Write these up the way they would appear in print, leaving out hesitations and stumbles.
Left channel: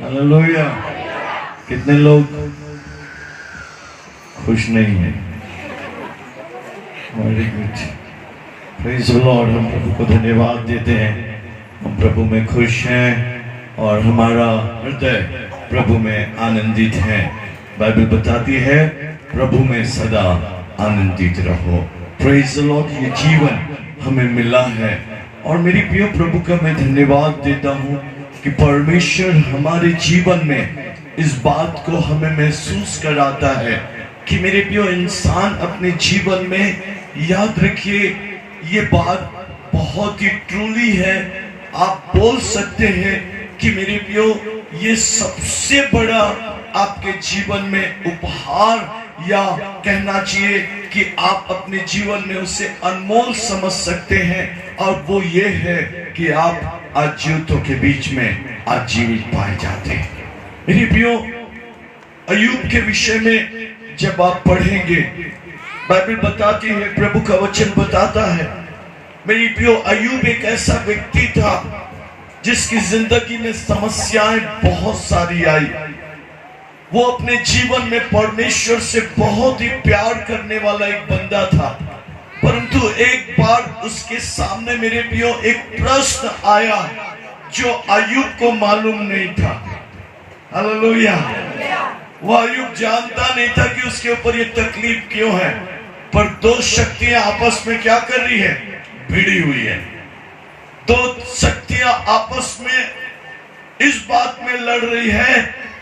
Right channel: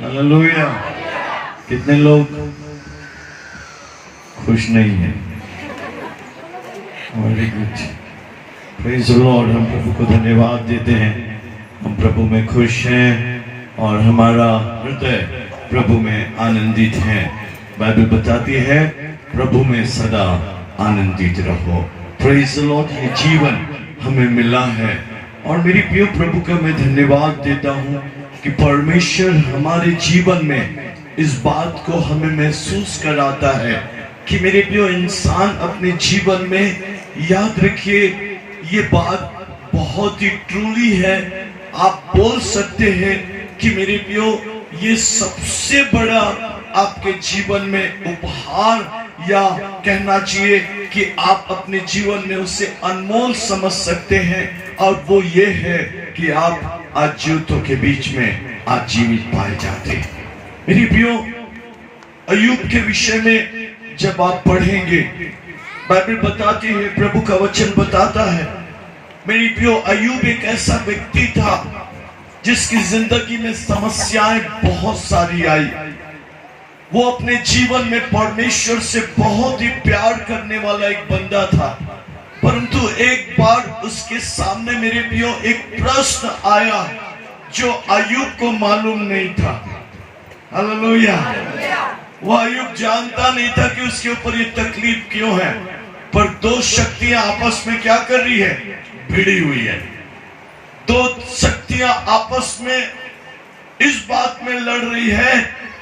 Hallelujah. कितने लोग खुश नहीं हैं? Very good, praise the Lord. हम प्रभु को धन्यवाद देते हैं, हम प्रभु में खुश हैं और हमारा हृदय प्रभु में आनंदित है। बाइबल बताती है प्रभु में सदा आनंदित रहो। Praise the Lord. ये जीवन हमें मिला है और मेरी प्रिय प्रभु का मैं धन्यवाद देता हूँ कि परमेश्वर हमारे जीवन में इस बात को हमें महसूस कराता है कि मेरे प्रिय इंसान अपने जीवन में, याद रखिए ये बात बहुत ही ट्रूली है, आप बोल सकते हैं कि मेरे प्रियो ये सबसे बड़ा आपके जीवन में उपहार, या कहना चाहिए कि आप अपने जीवन में उसे अनमोल समझ सकते हैं, और वो ये है कि आप आज जीवितों के बीच में आज जीवित पाए जाते हैं। मेरे प्रियो, अय्यूब के विषय में जब आप पढ़ेंगे, बाइबल बताती है, प्रभु का वचन बताता है, मेरी प्रियो अय्यूब एक ऐसा व्यक्ति था जिसकी जिंदगी में समस्याएं बहुत सारी आई। वो अपने जीवन में परमेश्वर से बहुत ही प्यार करने वाला एक बंदा था, परंतु एक बार उसके सामने मेरे प्रियो एक प्रश्न आया जो अय्यूब को मालूम नहीं था। हालेलुया। वो अय्यूब जानता नहीं था कि उसके ऊपर ये तकलीफ क्यों है, पर दो शक्तियां आपस में क्या कर रही है? भिड़ी हुई है। दो शक्तियां आपस में इस बात में लड़ रही है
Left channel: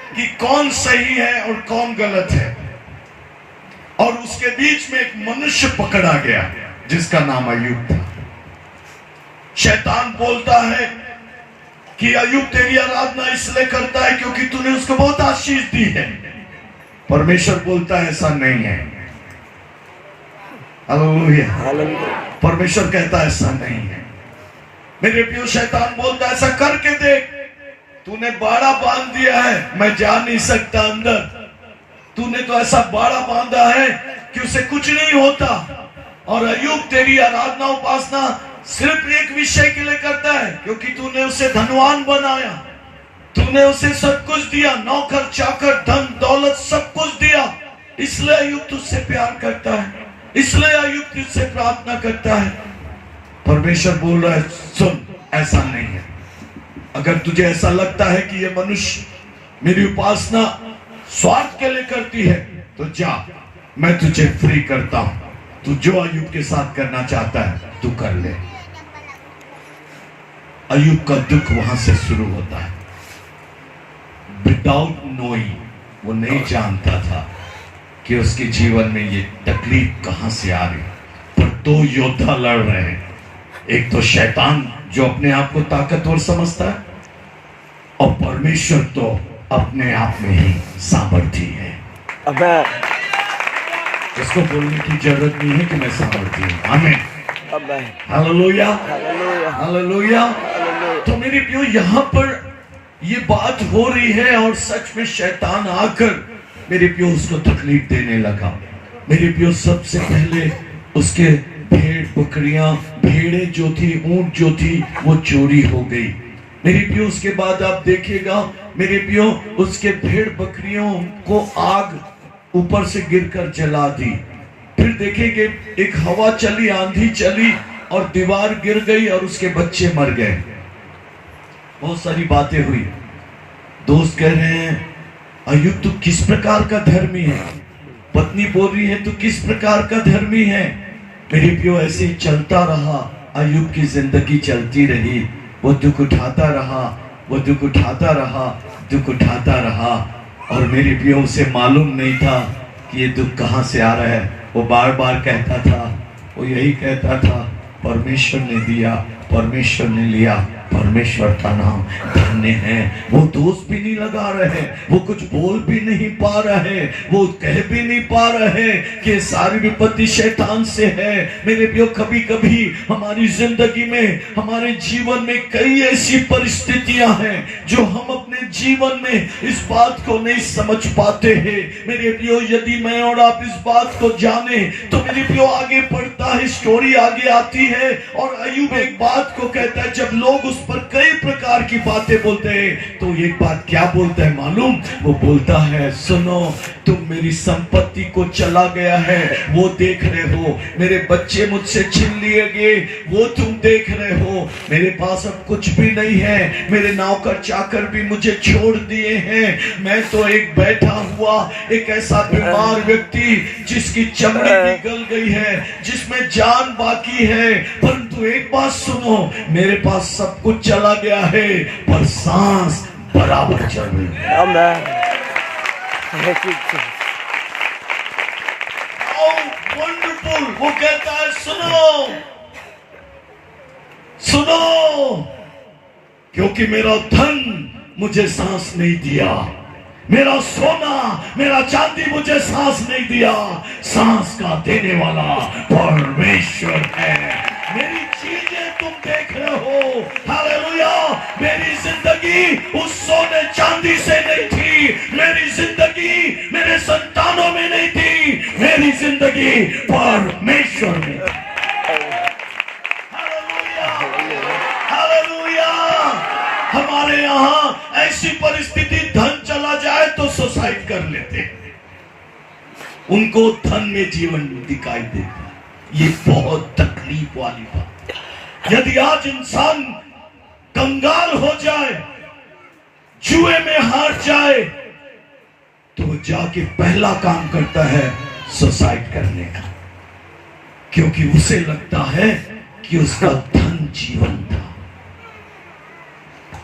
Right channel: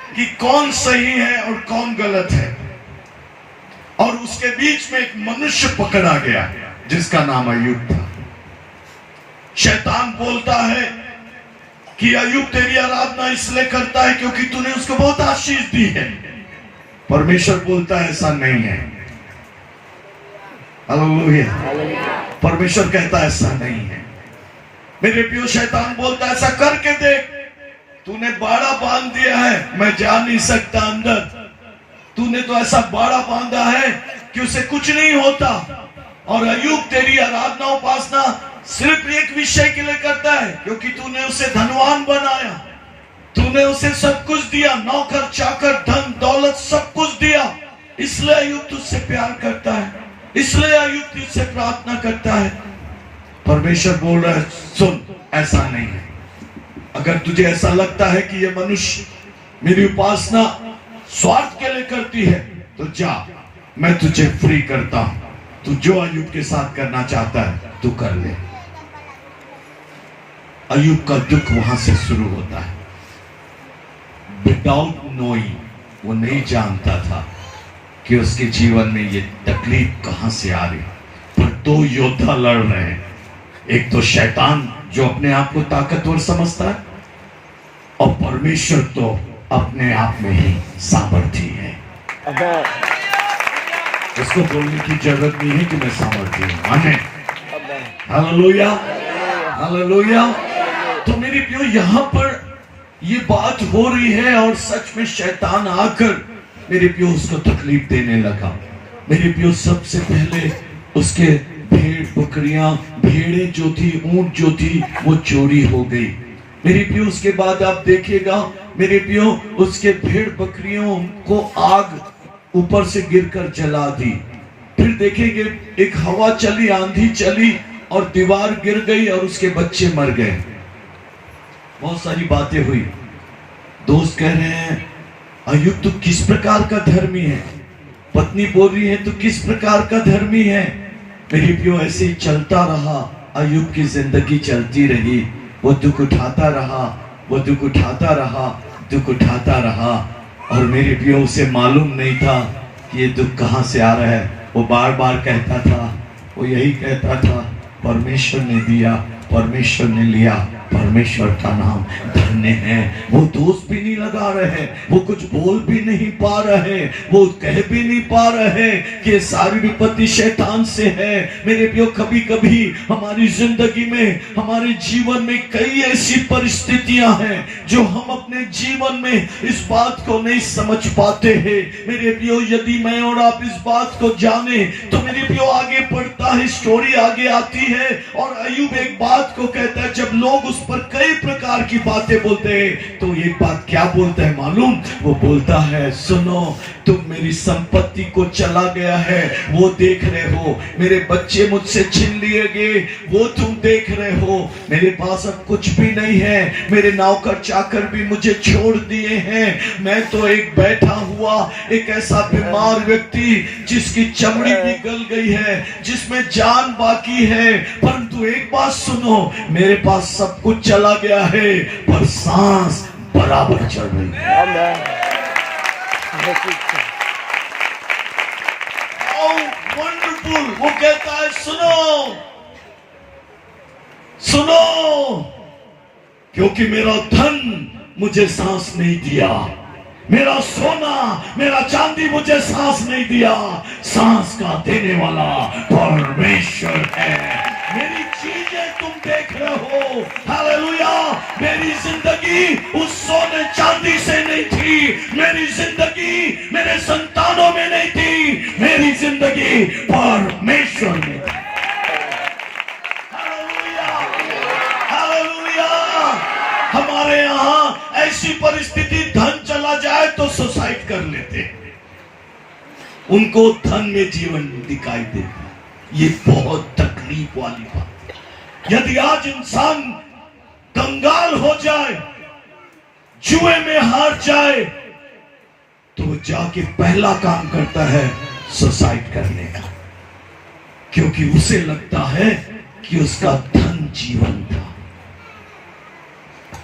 कि कौन सही है और कौन गलत है, और उसके बीच में एक मनुष्य पकड़ा गया जिसका नाम अय्यूब था। शैतान बोलता है कि अय्यूब तेरी आराधना इसलिए करता है क्योंकि तूने उसको बहुत आशीष दी है। परमेश्वर बोलता है ऐसा नहीं है। हालेलुया। परमेश्वर कहता है ऐसा नहीं है। मेरे प्रिय, शैतान बोलता है ऐसा करके देख, तूने बाड़ा बांध दिया है, मैं जा नहीं सकता अंदर, तूने तो ऐसा बाड़ा बांधा है कि उसे कुछ नहीं होता। और अय्यूब तेरी आराधना उपासना सिर्फ एक विषय के लिए करता है क्योंकि तूने उसे धनवान बनाया, तूने उसे सब कुछ दिया, नौकर चाकर धन दौलत सब कुछ दिया, इसलिए अय्यूब तुझसे प्यार करता है, इसलिए अय्यूब तुझसे प्रार्थना करता है। परमेश्वर बोल रहा है सुन, ऐसा नहीं है। अगर तुझे ऐसा लगता है कि ये मनुष्य मेरी उपासना स्वार्थ के लिए करती है, तो जा, मैं तुझे फ्री करता हूं, तू जो अय्यूब के साथ करना चाहता है तू कर ले। अय्यूब का दुख वहां से शुरू होता है। विदाउट नोइंग, वो नहीं जानता था कि उसके जीवन में ये तकलीफ कहां से आ रही, पर दो योद्धा लड़ रहे हैं। एक तो शैतान जो अपने आप को ताकतवर समझता है, और परमेश्वर तो अपने आप में ही सामर्थी है। उसको बोलने की जरूरत नहीं है कि मैं सामर्थी हूं। आमीन। हालेलुया। हालेलुया। तो मेरे प्रियो, यहाँ पर ये बात हो रही है और सच में शैतान आकर मेरे प्रियो उसको तकलीफ देने लगा। मेरे प्रियो, सबसे पहले उसके भेड़ बकरियां, भेड़ें जो थी, ऊंट जो थी, वो चोरी हो गई। मेरे प्रियो, उसके बाद आप देखिएगा मेरे प्रियो, उसके भेड़ बकरियों को आग ऊपर से गिरकर जला दी। फिर देखेंगे एक हवा चली, आंधी चली और दीवार गिर गई और उसके बच्चे मर गए। बहुत सारी बातें हुई। दोस्त कह रहे हैं अय्यूब तू किस प्रकार का धर्मी है, पत्नी बोल रही है तू किस प्रकार का धर्मी है। मेरे प्रियो, ऐसे चलता रहा, अय्यूब की जिंदगी चलती रही। वो दुख उठाता रहा, वो दुख उठाता रहा, दुख उठाता रहा, और मेरे प्रियो उसे मालूम नहीं था कि ये दुख कहां से आ रहा है। वो बार बार कहता था, वो यही कहता था, परमेश्वर ने दिया, परमेश्वर ने लिया, परमेश्वर का नाम धन्य है। वो दोस्त भी नहीं लगा रहे, वो कुछ बोल भी नहीं पा रहे, वो कह भी नहीं पा रहे कि सारी विपत्ति शैतान से है। मेरे प्रियो, कभी कभी हमारी जिंदगी में, हमारे जीवन में कई ऐसी परिस्थितियां हैं जो हम अपने जीवन में इस बात को नहीं समझ पाते हैं। मेरे प्रियो, यदि मैं और आप इस बात को जाने तो मेरे प्रियो आगे बढ़ता है, स्टोरी आगे आती है, और अय्यूब एक बात को कहता है, जब लोग उस पर कई प्रकार की बातें बोलते हैं। तो एक बात क्या बोलता है मालूम? वो बोलता है, सुनो, तुम मेरी संपत्ति को चला गया है वो देख रहे हो, मेरे बच्चे मुझसे छीन लिए गए वो तुम देख रहे हो, मेरे पास अब कुछ भी नहीं है, मेरे नौकर चाकर भी मुझे छोड़ दिए हैं, मैं तो एक बैठा हुआ एक ऐसा बीमार व्यक्ति जिसकी चमड़ी भी गल गई है, जिसमें जान बाकी है। परंतु एक बात सुनो, मेरे पास सब कुछ चला गया है पर सांस बराबर चल रही है। वंडरफुल। वो कहता है, सुनो सुनो, क्योंकि मेरा धन मुझे सांस नहीं दिया, मेरा सोना मेरा चांदी मुझे सांस नहीं दिया, सांस का देने वाला परमेश्वर है। मेरी चीजें तुम देख रहे हो, हालेलुया। मेरी जिंदगी उस सोने चांदी से नहीं थी, मेरी जिंदगी मेरे संतानों में नहीं थी, मेरी जिंदगी परमेश्वर में। Hallelujah, hallelujah. हमारे यहाँ ऐसी परिस्थिति, धन चला जाए तो सुसाइड कर लेते हैं, उनको धन में जीवन दिखाई देता है। ये बहुत तकलीफ वाली बात है। यदि आज इंसान कंगाल हो जाए, जुए में हार जाए, तो वो जाके पहला काम करता है सुसाइड करने का, क्योंकि उसे लगता है कि उसका धन जीवन था।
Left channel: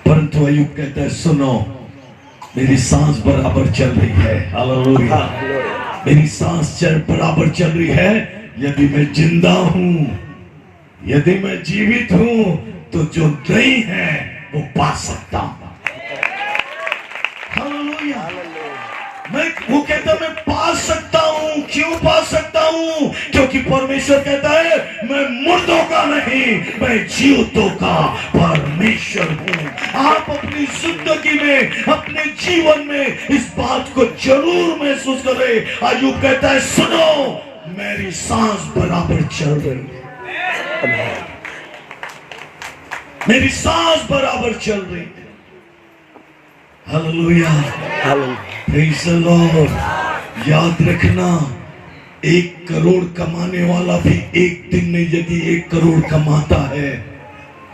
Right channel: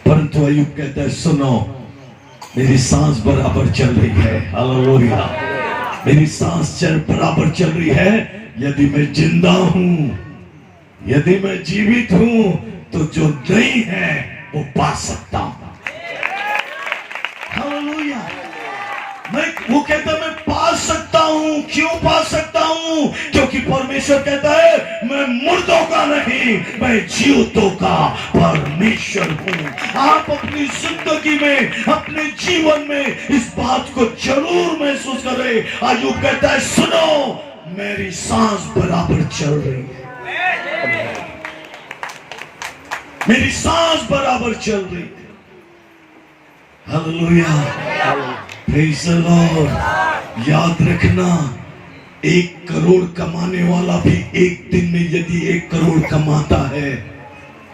परंतु अय्यूब कहता है, सुनो, मेरी सांस बराबर चल रही है, हालेलुया। मेरी सांस बराबर चल रही है। यदि मैं जिंदा हूं, यदि मैं जीवित हूं, तो जो नहीं है वो पा सकता हूं। हालेलुया। वो कहता है, मैं पा सकता हूं। क्यों पा सकता हूं? क्योंकि परमेश्वर कहता है, मैं मुर्दों का नहीं, मैं जीवितों का परमेश्वर हूं। आप अपनी जिंदगी में, अपने जीवन में इस बात को जरूर महसूस करें। अय्यूब कहता है, सुनो, मेरी सांस बराबर चल रही है, मेरी सांस बराबर चल रही है। Hallelujah, praise the Lord. याद रखना, 1 करोड़ कमाने वाला भी एक दिन में यदि 1 करोड़ कमाता है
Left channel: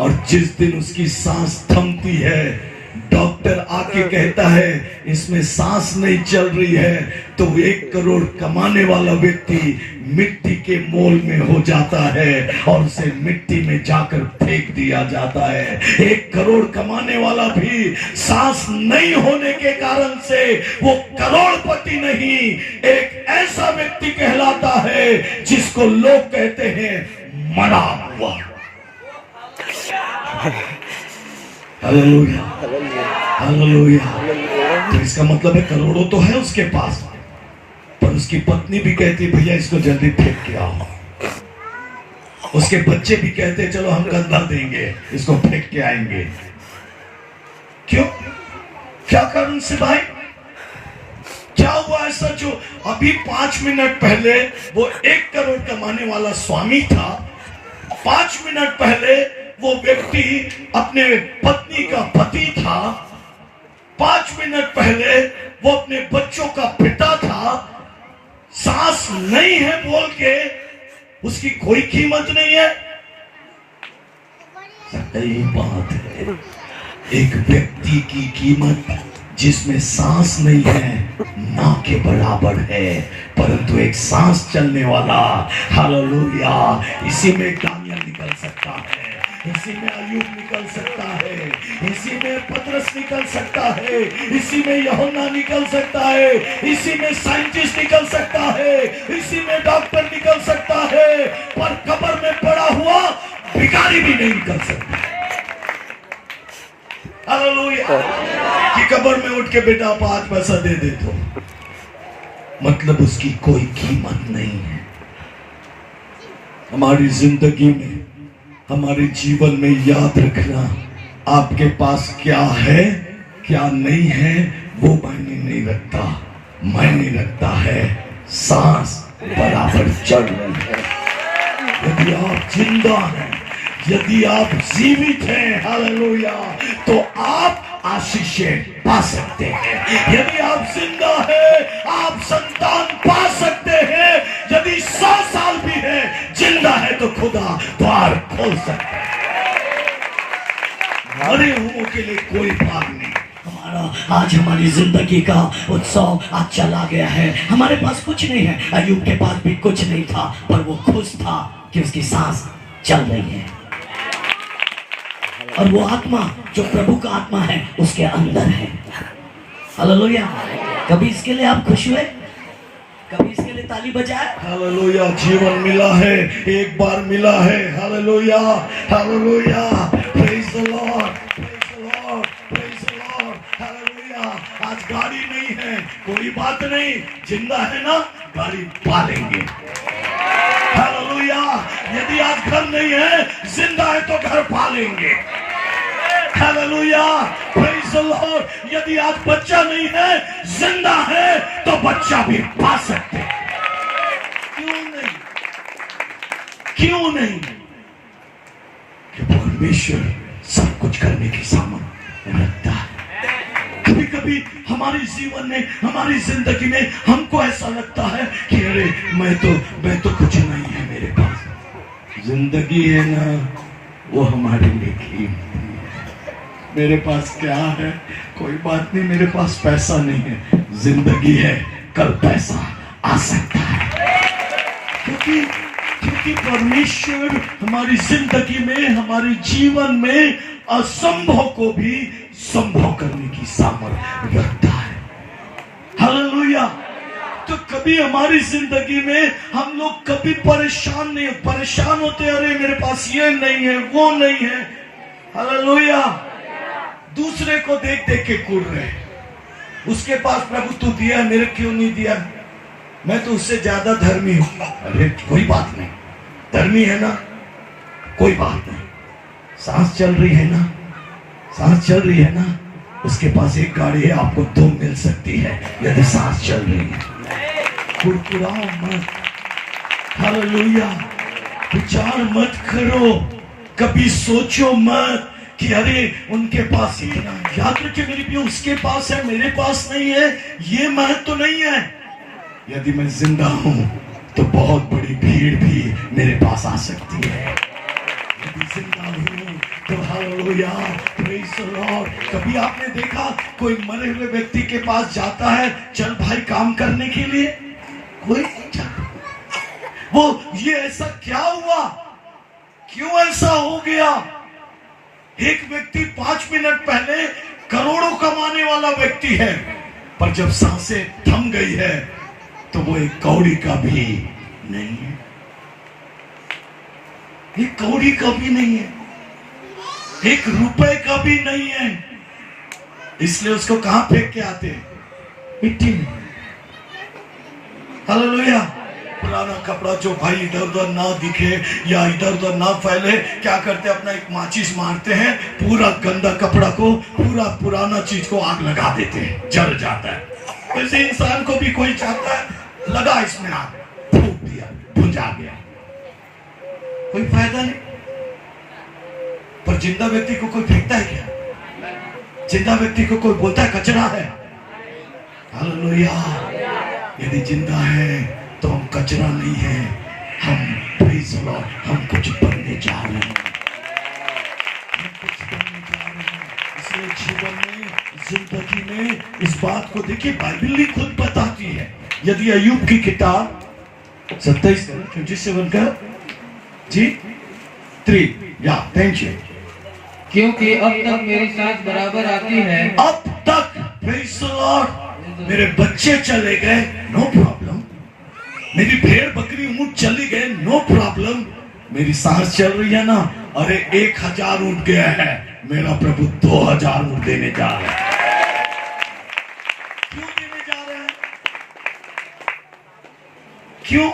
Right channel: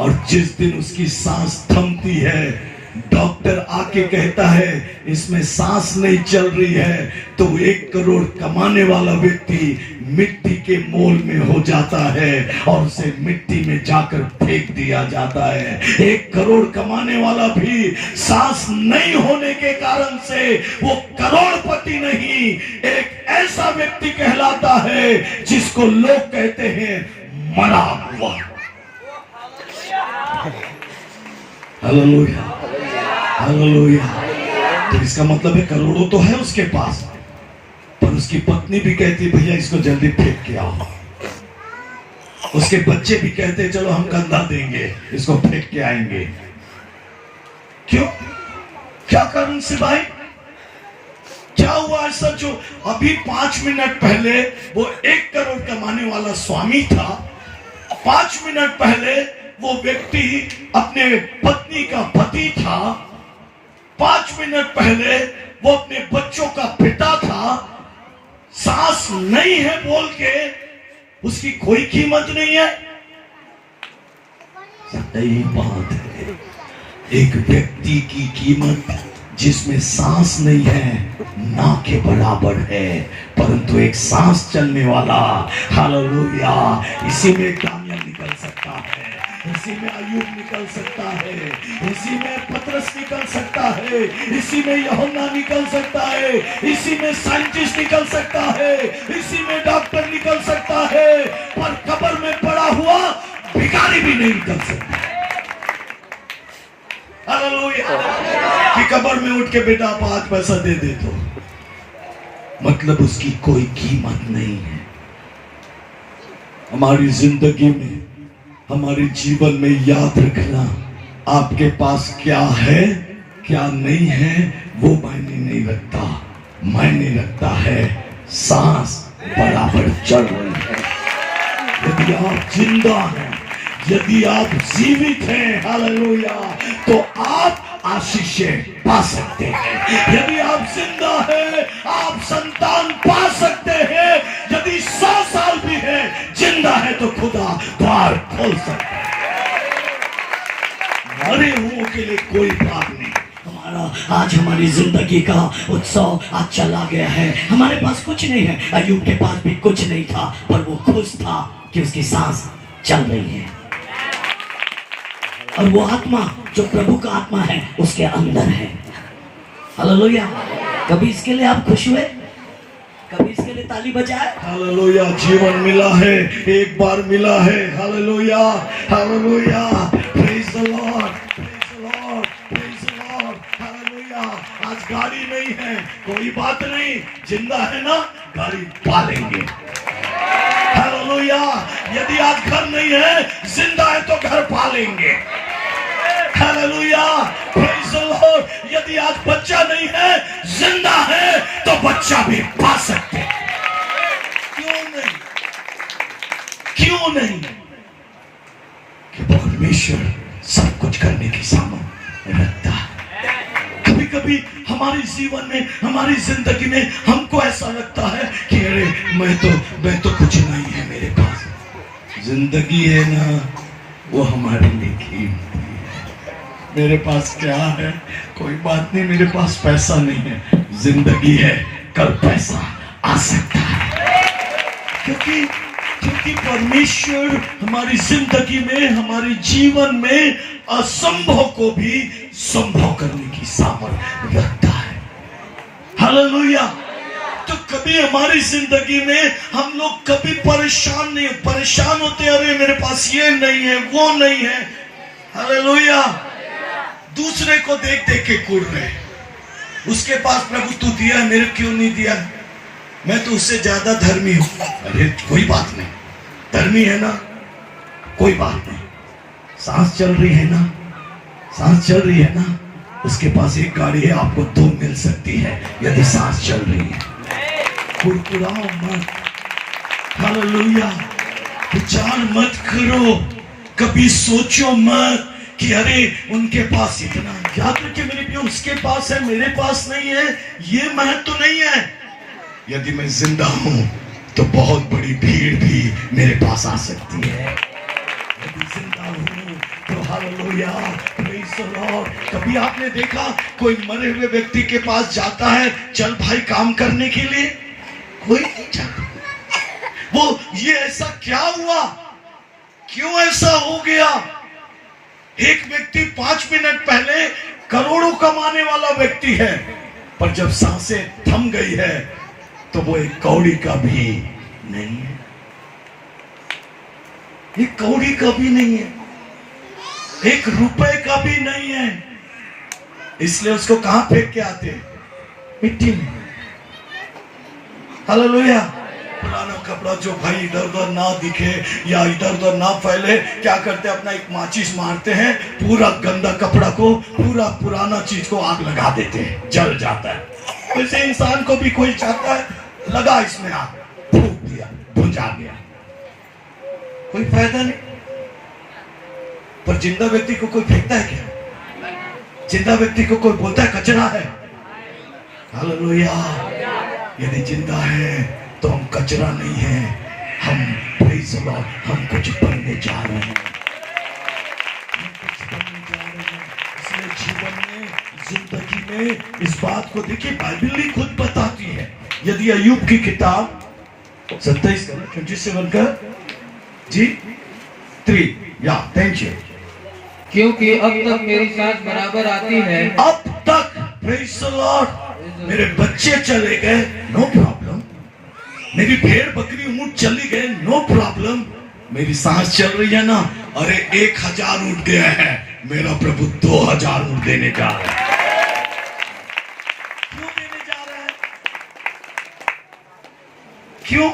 और जिस दिन उसकी सांस थमती है, डॉक्टर आके कहता है इसमें सांस नहीं चल रही है, तो 1 करोड़ कमाने वाला व्यक्ति मिट्टी के मोल में हो जाता है और उसे मिट्टी में जाकर फेंक दिया जाता है। 1 करोड़ कमाने वाला भी सांस नहीं होने के कारण से वो करोड़पति नहीं, एक ऐसा व्यक्ति कहलाता है जिसको लोग कहते हैं मरा हुआ। Hallelujah, hallelujah. तो इसका मतलब है करोड़ों तो है उसके पास, पर उसकी पत्नी भी कहती है, भैया इसको जल्दी फेंक के आओ। उसके बच्चे भी कहते हैं, चलो हम कंधा देंगे, इसको फेंक के आएंगे। क्यों? क्या कारण से भाई? क्या हुआ ऐसा जो अभी 5 मिनट पहले वो 1 करोड़ कमाने वाला स्वामी था, 5 मिनट पहले वो व्यक्ति अपने पत्नी का पति था, 5 मिनट पहले वो अपने बच्चों का पिता था, सांस नहीं है बोल के उसकी कोई कीमत नहीं है। सही बात है, एक व्यक्ति की कीमत जिसमें सांस नहीं है ना के बराबर है, परंतु एक सांस चलने वाला, हालेलुया, इसी में दानियल निकल सकता है, इसी में अय्यूब निकल सकता है, इसी में पतरस निकल सकता है, इसी में यूहन्ना निकल सकता है, इसी में साइंटिस्ट निकल सकता है, इसी में डॉक्टर निकल सकता है, पर कब्र में पड़ा हुआ भिखारी भी नहीं निकल सकता। हालेलुया। कि कब्र में उठ के बेटा 5 पैसा दे दे, तो मतलब उसकी कोई कीमत नहीं है। हमारी जिंदगी में, हमारे जीवन में याद रखना, आपके पास क्या है क्या नहीं है वो मायने नहीं रखता, मायने रखता है सांस बराबर चल रही है। यदि आप जिंदा हैं, यदि आप जीवित हैं, हालेलुया, तो आप आशीषें पा सकते हैं। यदि आप जिंदा हैं, आप संतान पा सकते हैं। यदि 100 साल भी है, जिंदा है, तो खुदा द्वार खोल सकता है। मरे हुओं के लिए कोई भाग नहीं। आज हमारी जिंदगी का उत्सव आज चला गया है। हमारे पास कुछ नहीं है। अय्यूब के पास भी कुछ नहीं था, पर वो खुश था कि उसकी सांस चल रही है और वो आत्मा जो प्रभु का आत्मा है उसके अंदर है। हालेलुया। कभी इसके लिए आप खुश हुए? कभी इसके लिए ताली बजाए? हालेलुया। जीवन मिला है, एक बार मिला है। Hallelujah, hallelujah, praise the Lord, praise the Lord, praise the Lord, hallelujah. आज गाड़ी नहीं है, कोई बात नहीं, जिंदा है ना, गाड़ी पालेंगे। हालेलुया। यदि आज घर नहीं है, जिंदा है तो घर पालेंगे। Hallelujah, praise the Lord. यदि आज बच्चा नहीं है, जिंदा है, तो बच्चा भी पा सकते हैं। क्यों नहीं? क्यों नहीं? कि परमेश्वर सब कुछ करने की सामर्थ्य रखता है। कभी कभी हमारे जीवन में, हमारी जिंदगी में हमको ऐसा लगता है कि अरे मैं तो कुछ नहीं है मेरे पास। जिंदगी है ना, वो हमारे लिए कीमती है। मेरे पास क्या है? कोई बात नहीं, मेरे पास पैसा नहीं है। जिंदगी है, कल पैसा आ सकता है। क्योंकि परमेश्वर हमारी जिंदगी में, हमारे जीवन में असंभव को भी संभव करने की सामर्थ्य रखता है। हालेलुया। तो कभी हमारी जिंदगी में हम लोग कभी परेशान होते, अरे मेरे पास ये नहीं है, वो नहीं है। हालेलुया। दूसरे को देख देख के कुड़ रहे, उसके पास प्रभु तू दिया, मेरे क्यों नहीं दिया? मैं तो उससे ज्यादा धर्मी हूं। अरे कोई बात नहीं, धर्मी है ना, कोई बात नहीं। सांस चल रही है ना, सांस चल रही है ना। उसके पास एक गाड़ी है, आपको 2 मिल सकती है यदि सांस चल रही है। कुड़कुड़ाओ मत। हालेलुया। विचार मत करो, कभी सोचो मत कि अरे उनके पास इतना। याद रखिए मेरे भी, उसके पास है, मेरे पास नहीं है, ये महत्व तो नहीं है। यदि मैं जिंदा हूं तो बहुत बड़ी भीड़ भी मेरे पास आ सकती है। यदि जिंदा हूं तो हालेलुया, प्रेज द लॉर्ड। कभी आपने देखा कोई मरे हुए व्यक्ति के पास जाता है, चल भाई काम करने के लिए? कोई नहीं जाता। वो ये ऐसा क्या हुआ, क्यों ऐसा हो गया? एक व्यक्ति 5 मिनट पहले करोड़ों कमाने वाला व्यक्ति है, पर जब सांसें थम गई है तो वो एक कौड़ी का भी नहीं है। एक कौड़ी का भी नहीं है, 1 रुपए का भी नहीं है। इसलिए उसको कहां फेंक के आते हैं? मिट्टी में। हालेलुया। पुराना कपड़ा जो भाई इधर उधर ना दिखे या इधर उधर ना फैले, क्या करते हैं? अपना एक माचिस मारते हैं, पूरा गंदा कपड़ा को, पूरा पुराना चीज को आग लगा देते हैं, जल जाता है। वैसे इंसान को भी कोई चाहता है, लगा इसमें आग, फूंक दिया, भुंजा गया, कोई फायदा नहीं। पर जिंदा व्यक्ति को कोई फेंकता है क्या? जिंदा व्यक्ति को कोई बोलता है कचरा है? हालेलुया। यदि जिंदा है तो हम कचरा नहीं है, हम प्रेज़ द लॉर्ड, हम कुछ बनने जा रहे हैं, हम कुछ बनने जा रहे हैं। इसलिए जीवन में, जिंदगी में इस बात को देखिए, बाइबल भी खुद बताती है। यदि अय्यूब की किताब 27 का जी 3 या थैंक यू। क्योंकि अब तक मेरी सांस बराबर आती है। अब तक प्रेज़ द लॉर्ड, मेरे बच्चे चले गए, नो प्रॉब्लम। मेरी भेड़ बकरी ऊंट चली गए, नो प्रॉब्लम। मेरी सांस चल रही है ना, अरे 1000 ऊंट गया है, मेरा प्रभु 2000 ऊंट देने जा रहा है। क्यों देने जा रहा है? क्यों?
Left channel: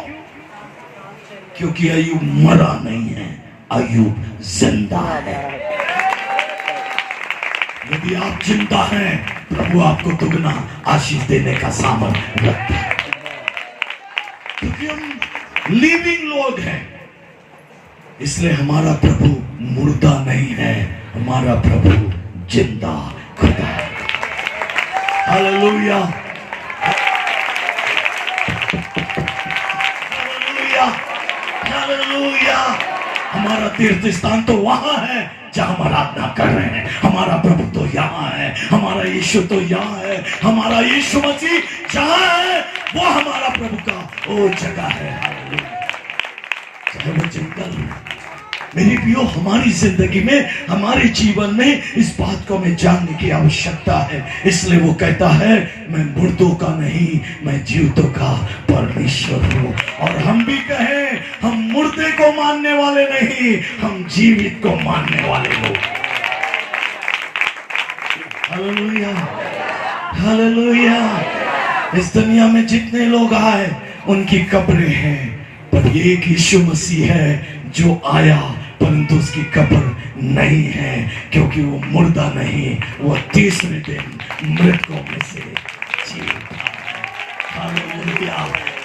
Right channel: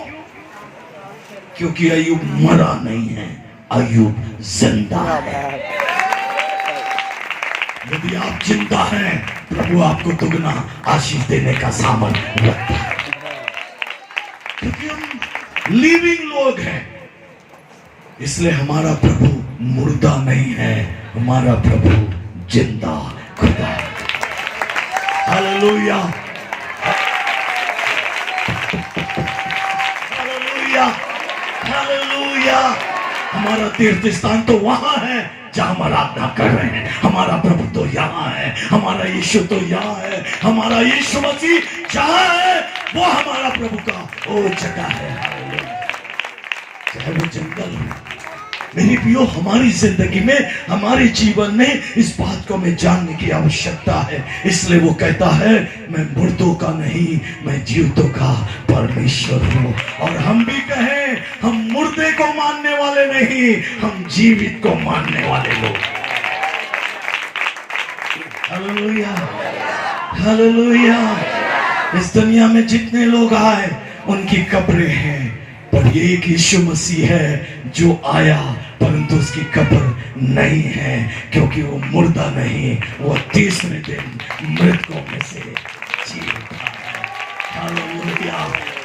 क्योंकि अय्यूब मरा नहीं है, अय्यूब जिंदा है। यदि आप जिंदा हैं, प्रभु आपको दुगना आशीष देने का सामर्थ्य रखता है। क्योंकि हम लिविंग लोग हैं, इसलिए हमारा प्रभु मुर्दा नहीं है, हमारा प्रभु जिंदा खुदा है। Hallelujah, hallelujah, hallelujah. हमारा तीर्थ स्थान तो वहां है जहां हम आराधना कर रहे हैं। हमारा प्रभु तो यहाँ है, हमारा यीशु तो यहाँ है, हमारा यीशु मसीह जहां है वो हमारा प्रभु का वो जगह है। चाहे वो जंगल हो। मेरी प्रियो, हमारी जिंदगी में, हमारे जीवन में इस बात को हमें जानने की आवश्यकता है। इसलिए वो कहता है, मैं मुर्दों का नहीं, मैं जीवितों का परमेश्वर हूं। और हम भी कहें, हम मुर्दे को मानने वाले नहीं, हम जीवित को मानने वाले लोग। Hallelujah, hallelujah. इस दुनिया में जितने लोग आए उनकी कब्रें हैं, पर एक यीशु मसीह है जो आया परंतु उसकी कब्र नहीं है, क्योंकि वो मुर्दा नहीं, वो 30वें दिन मृतकों में से जी उठा। Hallelujah,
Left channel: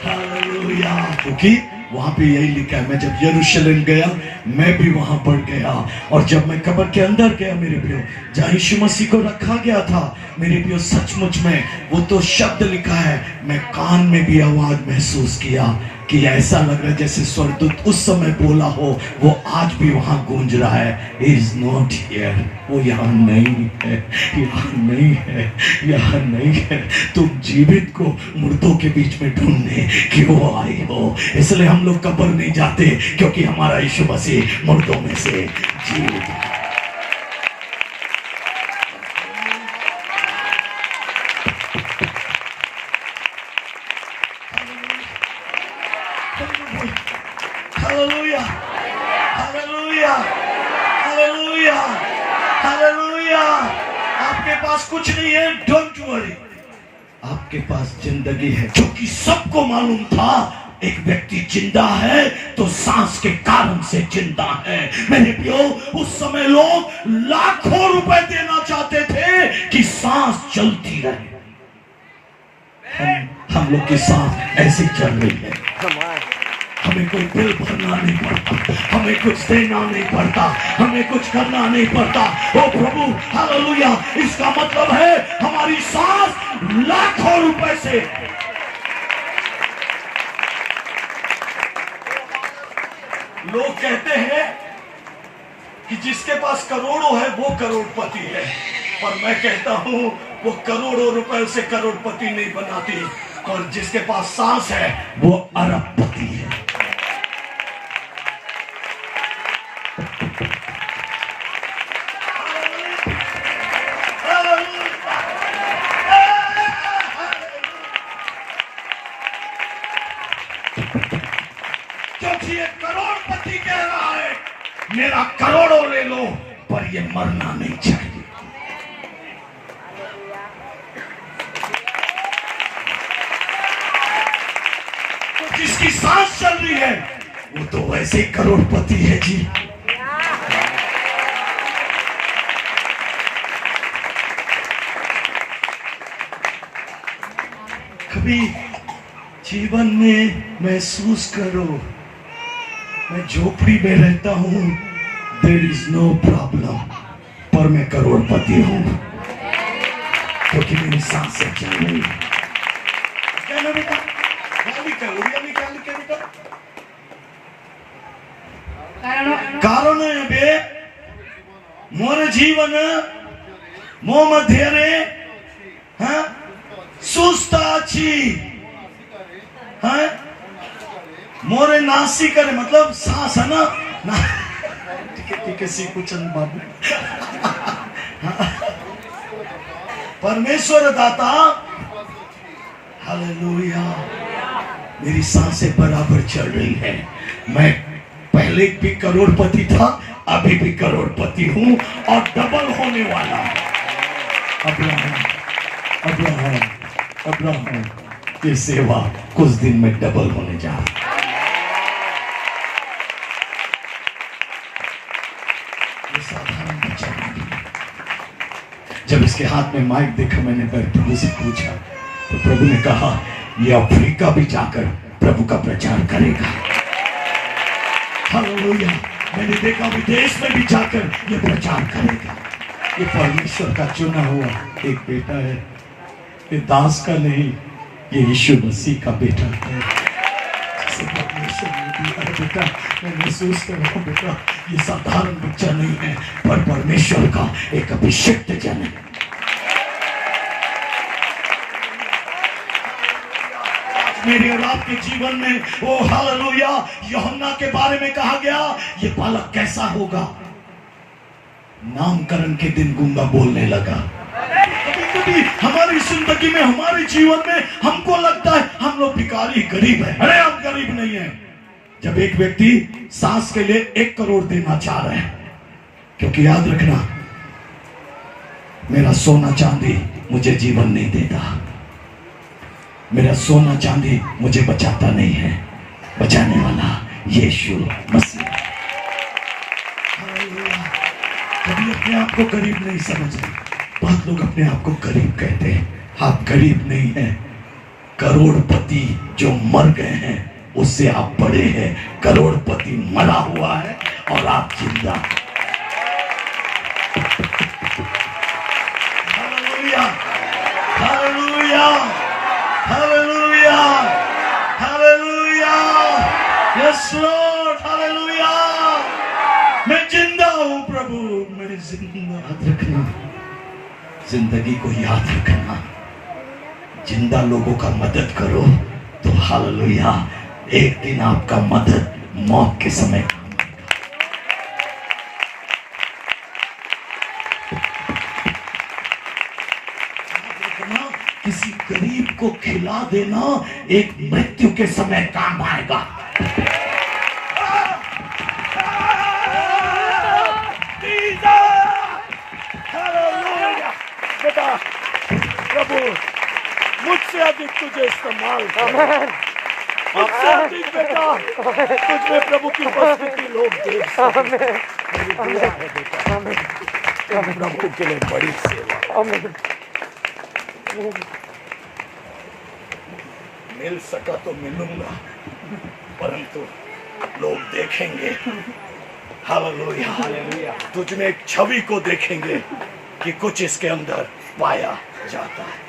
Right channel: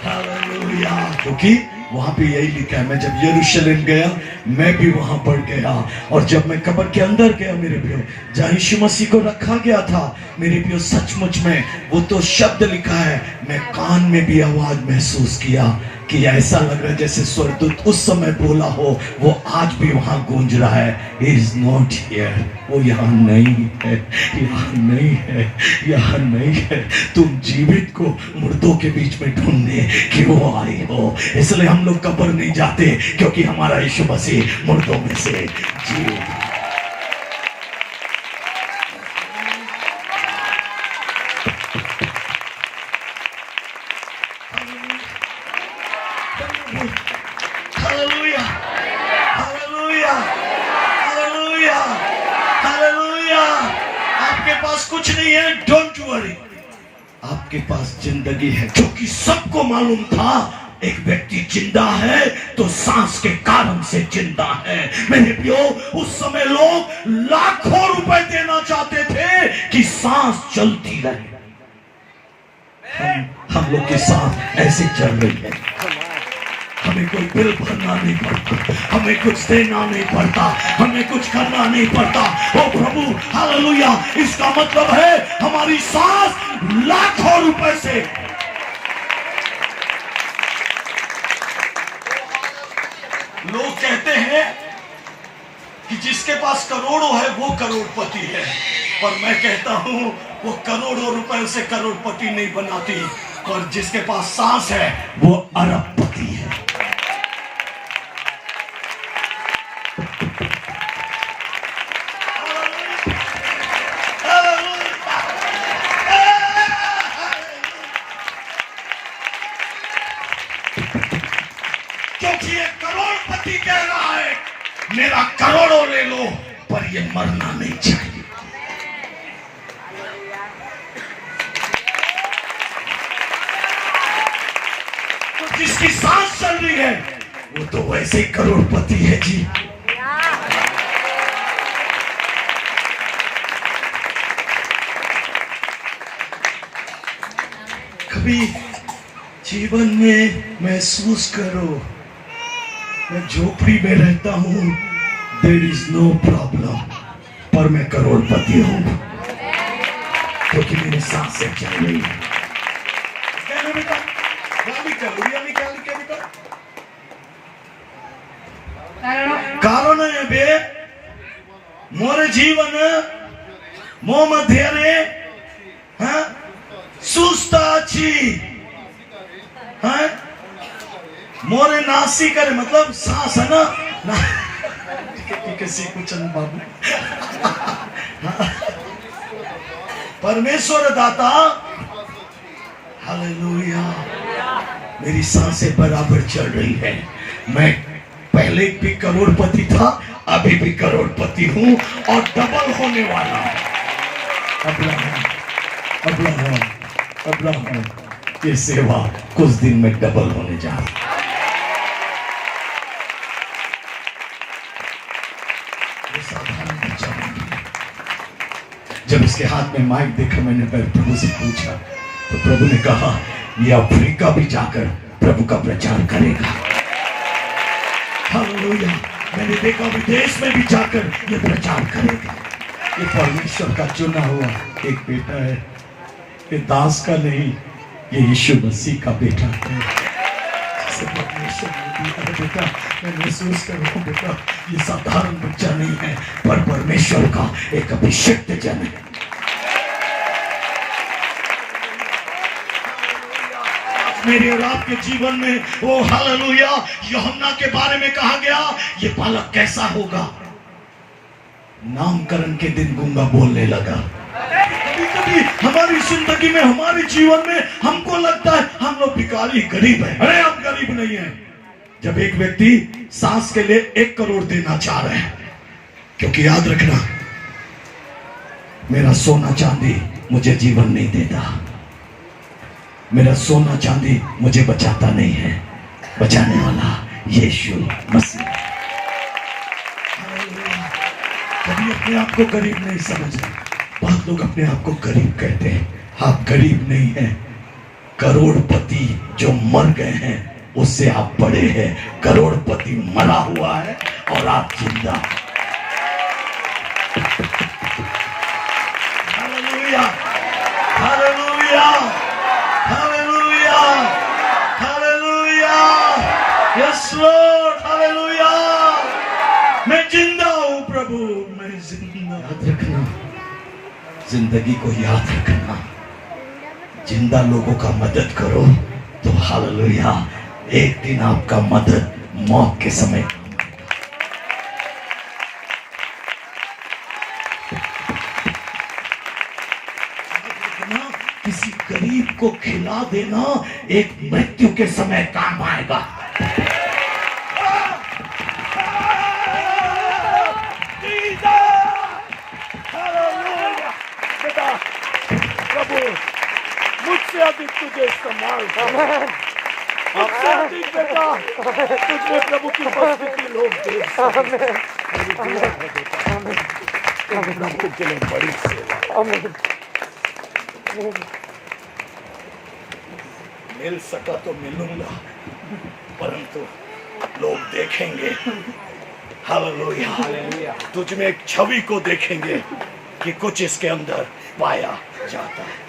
hallelujah. क्योंकि वहां पे यही लिखा है। मैं जब यरूशलेम गया, मैं भी वहां पर गया, और जब मैं कब्र के अंदर गया मेरे प्रियो, जहाँ यीशु मसीह को रखा गया था, मेरे प्रियो सचमुच में वो तो शब्द लिखा है, मैं कान में भी आवाज महसूस किया कि ऐसा लग रहा है जैसे स्वर्गदूत उस समय बोला हो, वो आज भी वहां गूंज रहा है। He is not here, वो यहाँ नहीं है, यहाँ नहीं है, यहाँ नहीं है। तुम जीवित को मुर्दों के बीच में ढूंढने क्यों आए हो? इसलिए हम लोग कब्र नहीं जाते, क्योंकि हमारा यीशु मसीह मुर्दों में से जीवित है। Hallelujah, hallelujah, hallelujah, hallelujah. आपके पास कुछ नहीं है, डोंट वरी। आपके पास जिंदगी है, क्योंकि सबको मालूम था एक व्यक्ति जिंदा है तो सांस के कारण से जिंदा है। मैंने प्रियो, उस समय लोग लाखों रुपए देना चाहते थे कि सांस चलती रहे। हम लोग की सांस ऐसी चल रही है, हमें कोई बिल भरना नहीं पड़ता, हमें कुछ देना नहीं पड़ता, हमें कुछ करना नहीं पड़ता। ओ प्रभु, हालेलुया। इसका मतलब है हमारी सांस लाखों रुपए से। लोग कहते हैं कि जिसके पास करोड़ों है वो करोड़पति है, पर मैं कहता हूं वो करोड़ों रुपए से करोड़पति नहीं बनाती, पर जिसके पास सांस है वो अरबपति है। क्योंकि ये करोड़पति कह रहा है, मेरा करोड़ों ले लो पर ये मरना नहीं चाहिए। तो जिसकी सांस चल रही है वो तो वैसे ही करोड़पति है जी। कभी जीवन में महसूस करो, मैं झोपड़ी में रहता हूं, देयर इज नो प्रॉब्लम, पर मैं करोड़पति हूं, क्योंकि मेरी सांसें चल रही है। क्या ना बेटा, करोड़िया निकाली क्या बेटा? कारण है बे मोर जीवन मो मध्यरे हाँ सुस्ताची हाँ मोरे नासी करे, मतलब सांस है ना किसी कुछ बाबू परमेश्वर दाता। हालेलुया। मेरी सांसें बराबर चल रही है। मैं पहले भी करोड़पति था, अभी भी करोड़पति हूं और डबल होने वाला है। अब्राहम की सेवा कुछ दिन में डबल होने जा रही है। साधारण बच्चा नहीं। जब इसके हाथ में माइक देखा, मैंने प्रभु से पूछा, तो प्रभु ने कहा ये अफ्रीका भी जाकर प्रभु का प्रचार करेगा। हालेलुया। मैंने देखा विदेश में भी जाकर ये प्रचार करेगा। ये परमेश्वर का चुना हुआ एक बेटा है, ये दास का नहीं, ये यीशु मसीह का बेटा है। जिसे परमेश्वर ने दिया है बेटा, मैं महसूस कर रहा हूँ बेटा, ये साधारण बच्चा नहीं है, पर परमेश्वर का एक अभिषिक्त जन है। मेरे और आपके जीवन में ओ हालेलुया, यूहन्ना के बारे में कहा गया, ये बालक कैसा होगा? नामकरण के दिन गूंगा बोलने लगा। कभी हमारी जिंदगी में, हमारे जीवन में हमको लगता है हम लोग भिखारी, गरीब है। अरे हम गरीब नहीं है। जब एक व्यक्ति सांस के लिए 1 करोड़ देना चाह रहा है, क्योंकि याद रखना, मेरा सोना चांदी मुझे जीवन नहीं देता, मेरा सोना चांदी मुझे बचाता नहीं है, बचाने वाला यीशु मसीह। कभी अपने आप को गरीब नहीं समझते। बहुत लोग अपने आप को गरीब कहते हैं। आप गरीब नहीं हैं, करोड़पति जो मर गए हैं उससे आप बड़े हैं। करोड़पति मरा हुआ है और आप जिंदा। Hallelujah, hallelujah, hallelujah, hallelujah, yes Lord, hallelujah. मैं जिंदा हूं प्रभु, मैं जिंदा। याद रखना, जिंदगी को याद रखना, जिंदा लोगों का मदद करो तो हालेलुया, एक दिन आपका मदद मौत के समय। किसी गरीब को खिला देना एक मृत्यु के समय काम आएगा। मुझसे अधिक तुझे इस्तेमाल, मुझसे अधिक बेटा तुझमें प्रभु की उपस्थिति लोग देख सकें। तुझे लिए बड़ी सेवा। मिल सका तो मिलूंगा, परंतु लोग देखेंगे हालेलुया, हालेलुया, तुझ में एक छवि को देखेंगे कि कुछ इसके अंदर पाया जाता है।